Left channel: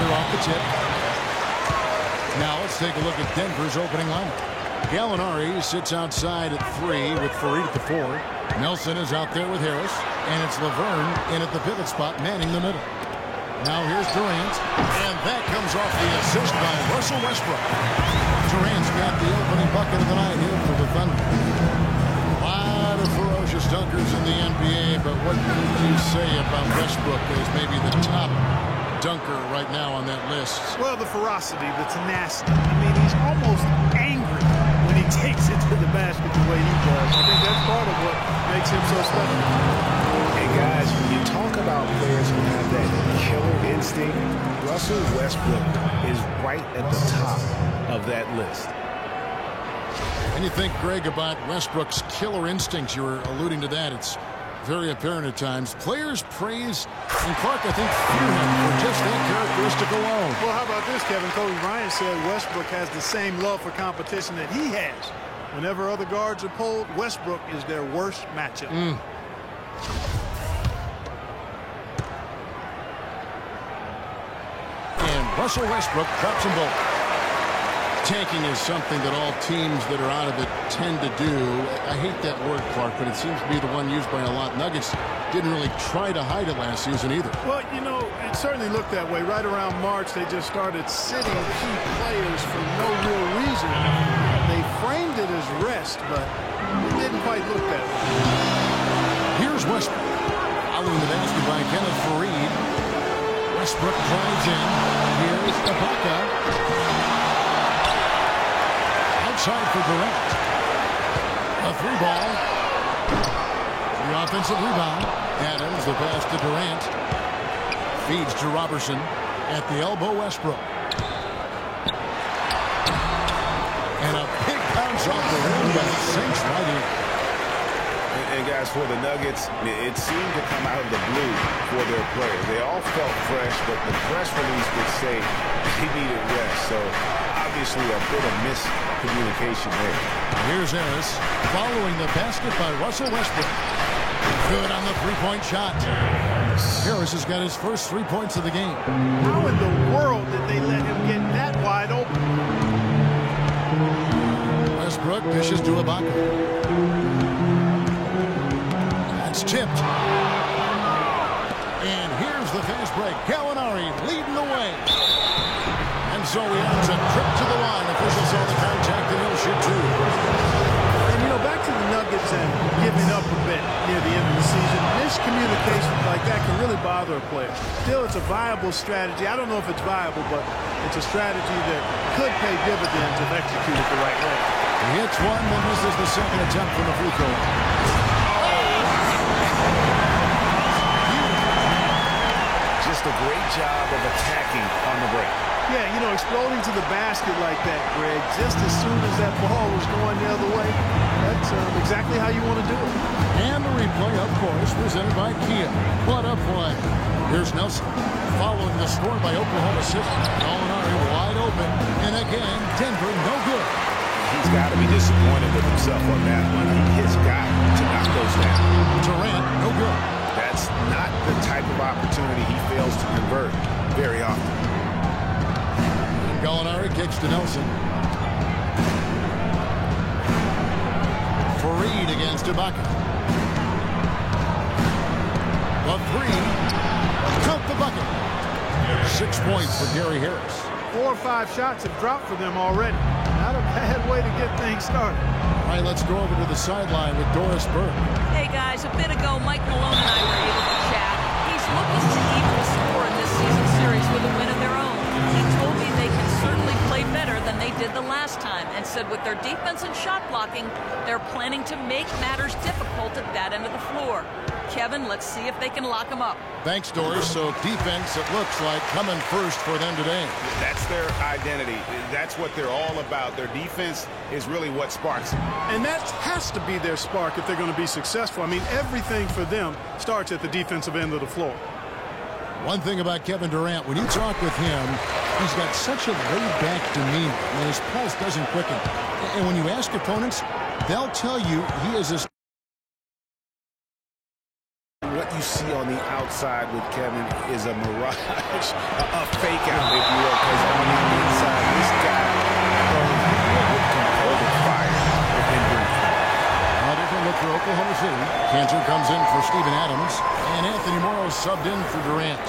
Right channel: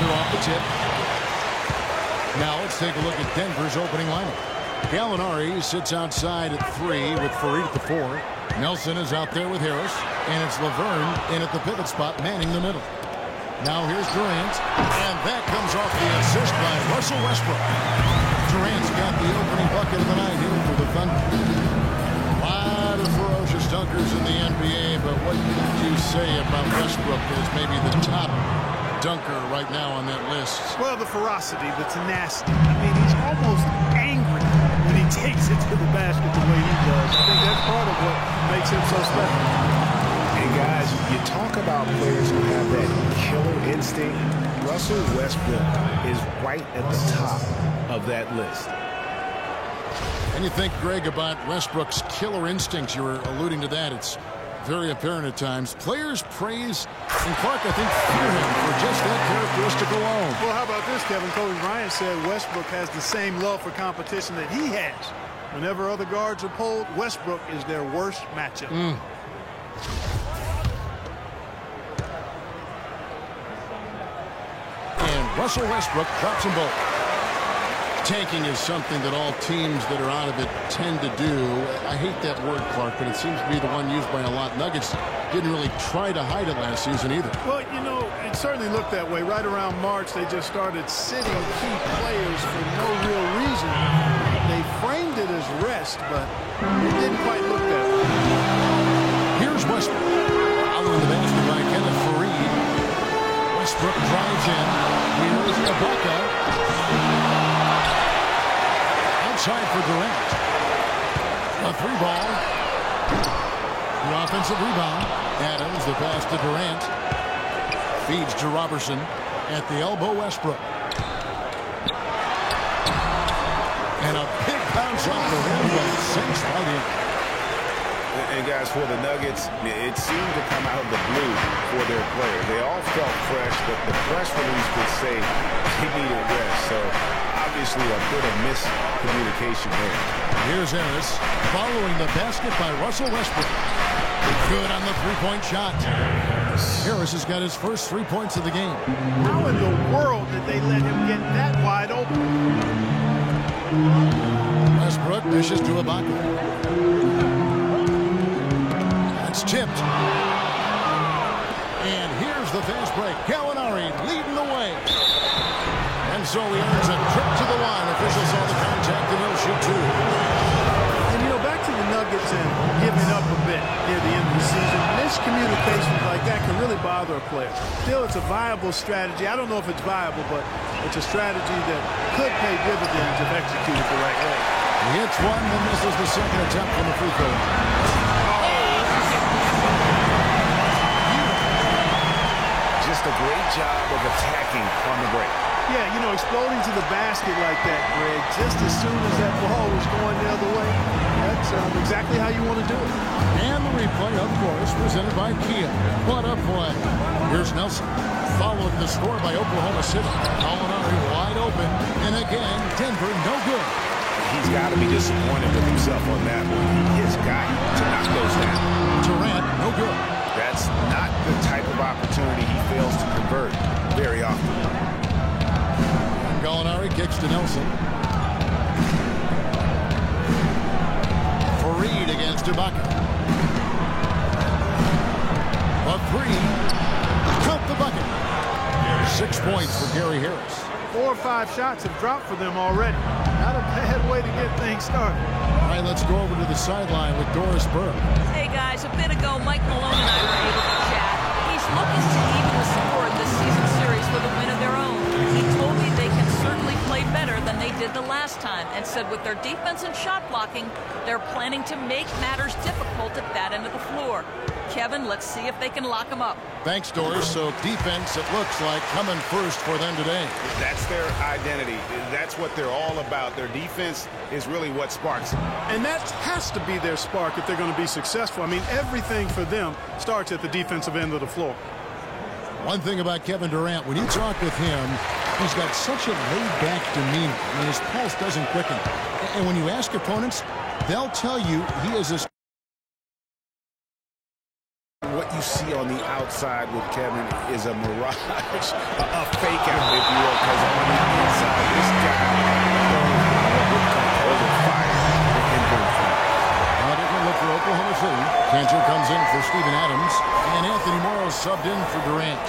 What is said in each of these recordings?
they're off the tip. Now let's take a look at Denver's opening lineup. Gallinari sits outside at 3 with Faried at the 4. Nelson is out there with Harris. And it's Laverne in at the pivot spot, manning the middle. Now here's Durant. And that comes off the assist by Russell Westbrook. Durant's got the opening bucket of the night here for the Thunder. A lot of ferocious dunkers in the NBA, but what did you say about Westbrook as maybe the top dunker right now on that list? Well, the ferocity, the tenacity. I mean, he's almost angry when he takes it to the basket the way he does. I think that's part of what makes him so special. Hey, guys, you talk about players who have that killer instinct. Russell Westbrook is right at the top of that list. And you think, Greg, about Westbrook's killer instincts. You were alluding to that. It's very apparent at times. Players praise, and Clark, I think, fear him for just that characteristic alone. Well, how about this, Kevin? Kobe Bryant said Westbrook has the same love for competition that he has. Whenever other guards are pulled, Westbrook is their worst matchup. And Russell Westbrook drops them both. Tanking is something that all teams that are out of it tend to do. I hate that word, Clark, but it seems to be the one used by a lot. Nuggets didn't really try to hide it last season either. Well, you know, it certainly looked that way. Right around March, they just started sitting key players for no real reason. They framed it as rest, but it didn't quite look that way. Here's Westbrook. Following the basket by Kenneth Faried. Westbrook drives in. Here's Ibaka. Outside for Durant. A 3-ball. The offensive rebound. Adams, the pass to Durant. Feeds to Robertson. At the elbow, Westbrook. And a big bounce off the rim, but it sinks right in. And guys, for the Nuggets, it seemed to come out of the blue for their players. They all felt fresh, but the press release would say they needed rest. So obviously a bit of miscommunication there. Here's Harris following the basket by Russell Westbrook. Good on the three-point shot. Harris has got his first 3 points of the game. How in the world did they let him get that wide open? Westbrook dishes to Ibaka. That's tipped. And here's the fast break. Gallinari leading the way. And so he earns a trip to the line. Officials saw the contact and he'll shoot 2. And, you know, back to the Nuggets and giving up a bit near the end of the season. Miscommunications like that can really bother a player. Still, it's a viable strategy. I don't know if it's viable, but it's a strategy that could pay dividends if executed the right way. He hits one, then misses the second attempt from the free throw line. Just a great job of attacking on the break. Yeah, you know, exploding to the basket like that, Greg, just as soon as that ball was going the other way, that's exactly how you want to do it. And the replay, of course, presented by Kia. What a play. Here's Nelson, followed the score by Oklahoma City. Gallinari wide open, and again, Denver no good. He's got to be disappointed with himself on that one. He has got to knock those down. Durant, no good. That's not the type of opportunity he fails to convert very often. And Gallinari kicks to Nelson. Faried against Ibaka. The 3. Count the bucket. 6 points for Gary Harris. 4 or 5 shots have dropped for them already. Not a bad way to get things started. All right, let's go over to the sideline with Doris Burke. Hey, guys, a bit ago, Mike Malone and I were able to chat. He's looking to even the score in this season series with a win of their own. He told me they can certainly play better than they did the last time and said with their defense and shot blocking, they're planning to make matters difficult at that end of the floor. Kevin, let's see if they can lock them up. Thanks, Doris. So defense, it looks like, coming first for them today. That's their identity. That's what they're all about. Their defense is really what sparks them. And that has to be their spark if they're going to be successful. I mean, everything for them starts at the defensive end of the floor. One thing about Kevin Durant, when you talk with him, he's got such a laid-back demeanor. I mean, his pulse doesn't quicken. And when you ask opponents, they'll tell you he is as what you see on the outside with Kevin is a mirage, a fake out, if you will, because on the inside, this guy burns with composure, fire, and bring fun. A different look for Oklahoma City. Cantor comes in for Steven Adams, and Anthony Morrow subbed in for Durant.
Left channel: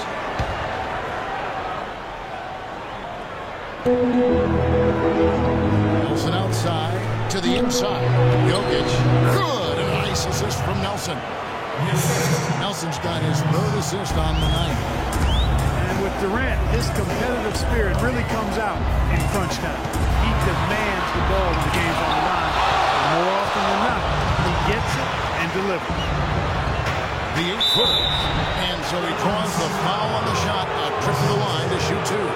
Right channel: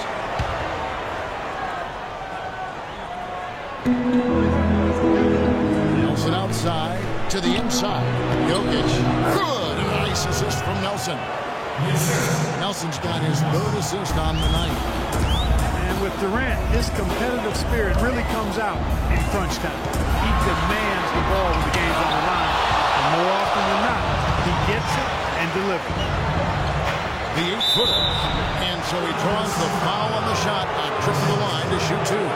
Nelson outside to the inside. Jokic, good, and a nice assist from Nelson. Nelson's got his third assist on the night. And with Durant, his competitive spirit really comes out in crunch time. He demands the ball when the game's on the line. And more often than not, he gets it and delivers. The 8-footer. And so he draws the foul on the shot. A trip to the line to shoot two.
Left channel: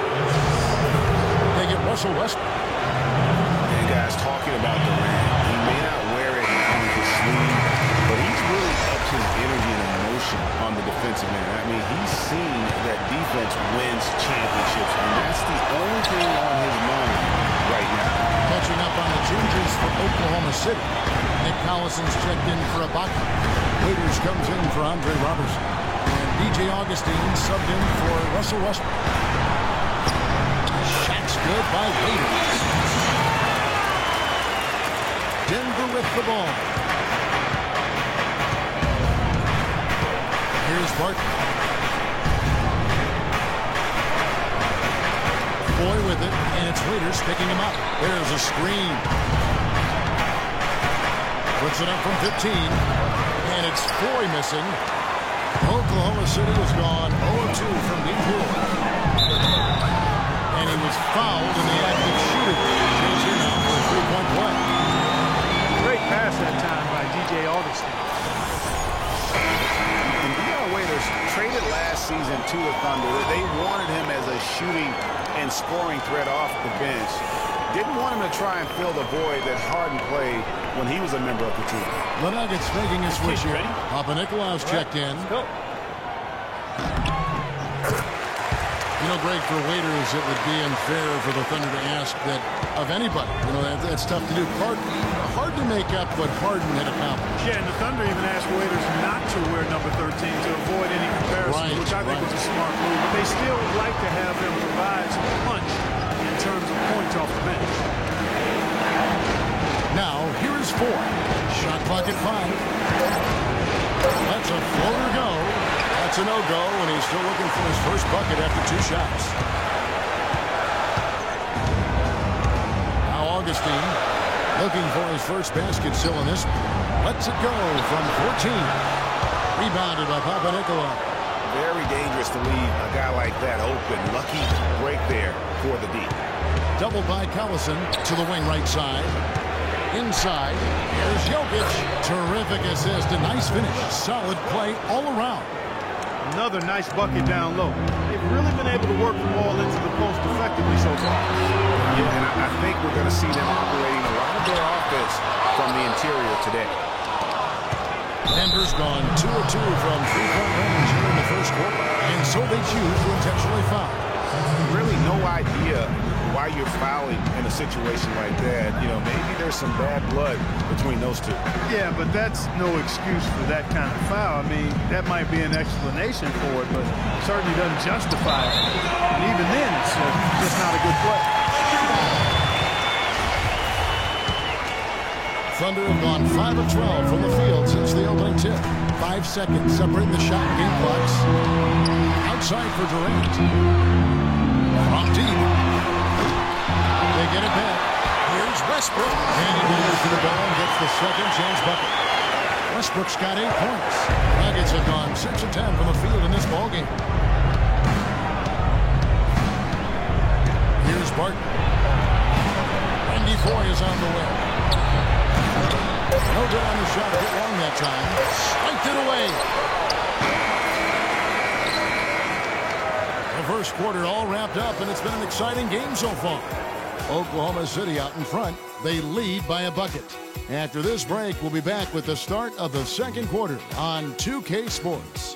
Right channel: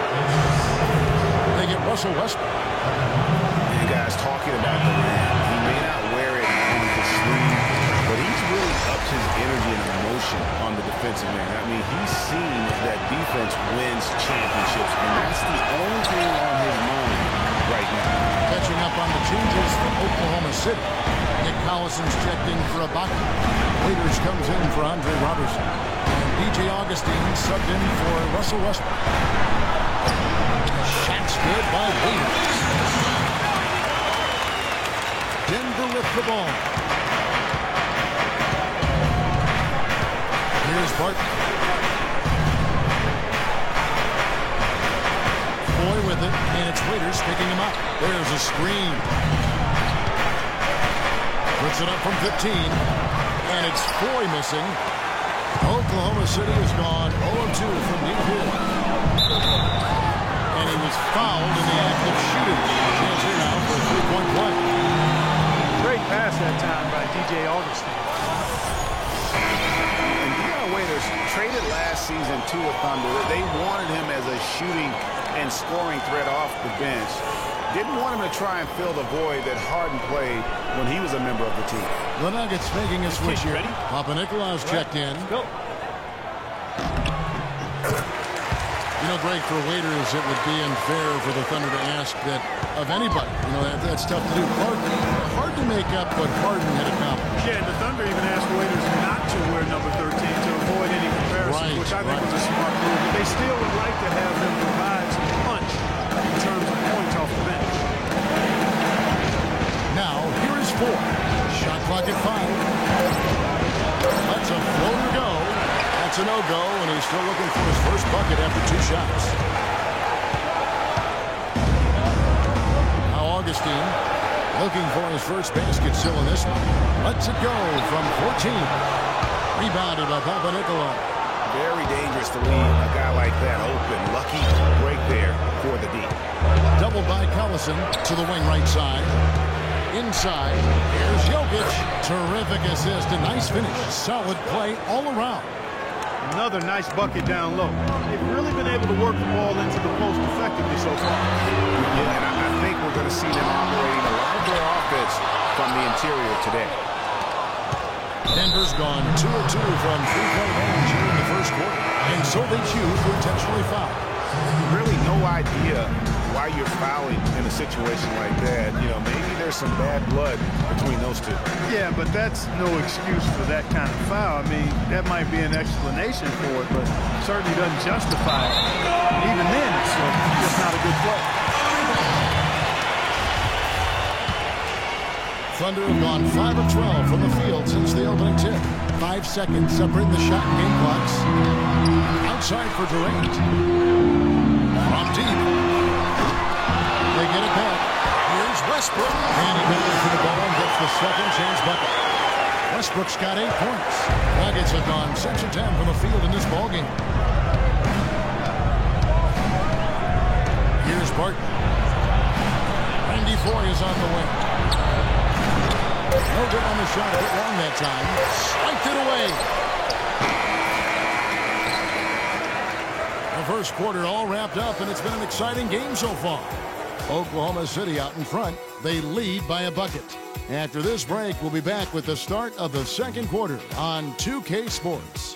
They get Russell Westbrook. And guys, talking about Durant, he may not wear it on his sleeve, but he's really upped his energy and emotion on the defensive end. I mean, he's seen that defense wins championships, and that's the only thing on his mind right now. Catching up on the changes for Oklahoma City. Nick Collison's checked in for Ibaka. Waiters comes in for Andre Robertson. And DJ Augustine subbed in for Russell Westbrook. Shot's good by Waiters. Denver with the ball. Here's Barton. Foy with it, and it's Waiters picking him up. There's a screen. Puts it up from 15, and it's Foy missing. Oklahoma City has gone 0-2 from deep here. And he was fouled in the act of shooting. Chance here now for a three-point play. Great pass that time by DJ Augustine. And Dion Waiters traded last season to the Thunder. They wanted him as a shooting and scoring threat off the bench. Didn't want him to try and fill the void that Harden played when he was a member of the team. The Nuggets making a switch here. Papanikolaou's checked in. Let's go. You know, Greg, for Waiters, it would be unfair for the Thunder to ask that of anybody. You know, that's tough to do. Hard to make up what Harden had accomplished. Yeah, and the Thunder even asked Waiters not to wear number 13 to avoid any comparisons, which I think was a smart move. But they still would like to have him provide some punch in terms of points off the bench. Now, here is Four. Shot clock at 5. Lets a floater go. That's a no-go, and he's still looking for his first bucket after 2 shots. Now Augustine looking for his first basket still in this one. Lets it go from 14. Rebounded by Papanikolaou. Very dangerous to leave a guy like that open. Lucky break there for the D. Doubled by Collison to the wing right side. Inside, here's Jokic. Terrific assist, a nice finish. Solid play all around. Another nice bucket down low. They've really been able to work the ball into the post effectively so far. Yeah, and I think we're going to see them operating a lot of their offense from the interior today. Denver's gone 2 of 2 from three-point range here in the first quarter, and so they choose to intentionally foul. Really no idea why you're fouling in a situation like that. You know, maybe there's some bad blood between those two. Yeah, but that's no excuse for that kind of foul. I mean, that might be an explanation for it, but certainly doesn't justify it. And even then, it's just not a good play. Thunder have gone 5 of 12 from the field since the opening tip. 5 seconds separating the shot and game clocks. Outside for Durant. From deep. They get it back. Here's Westbrook. And he goes for the ball and gets the second chance bucket. Westbrook's got 8 points. Nuggets have gone 6 of 10 from the field in this ballgame. Here's Barton. Randy Foy is on the wing. No good on the shot. A bit long that time. Swiped it away. The first quarter all wrapped up, and it's been an exciting game so far. Oklahoma City out in front. They lead by a bucket. After this break, we'll be back with the start of the second quarter on 2K Sports.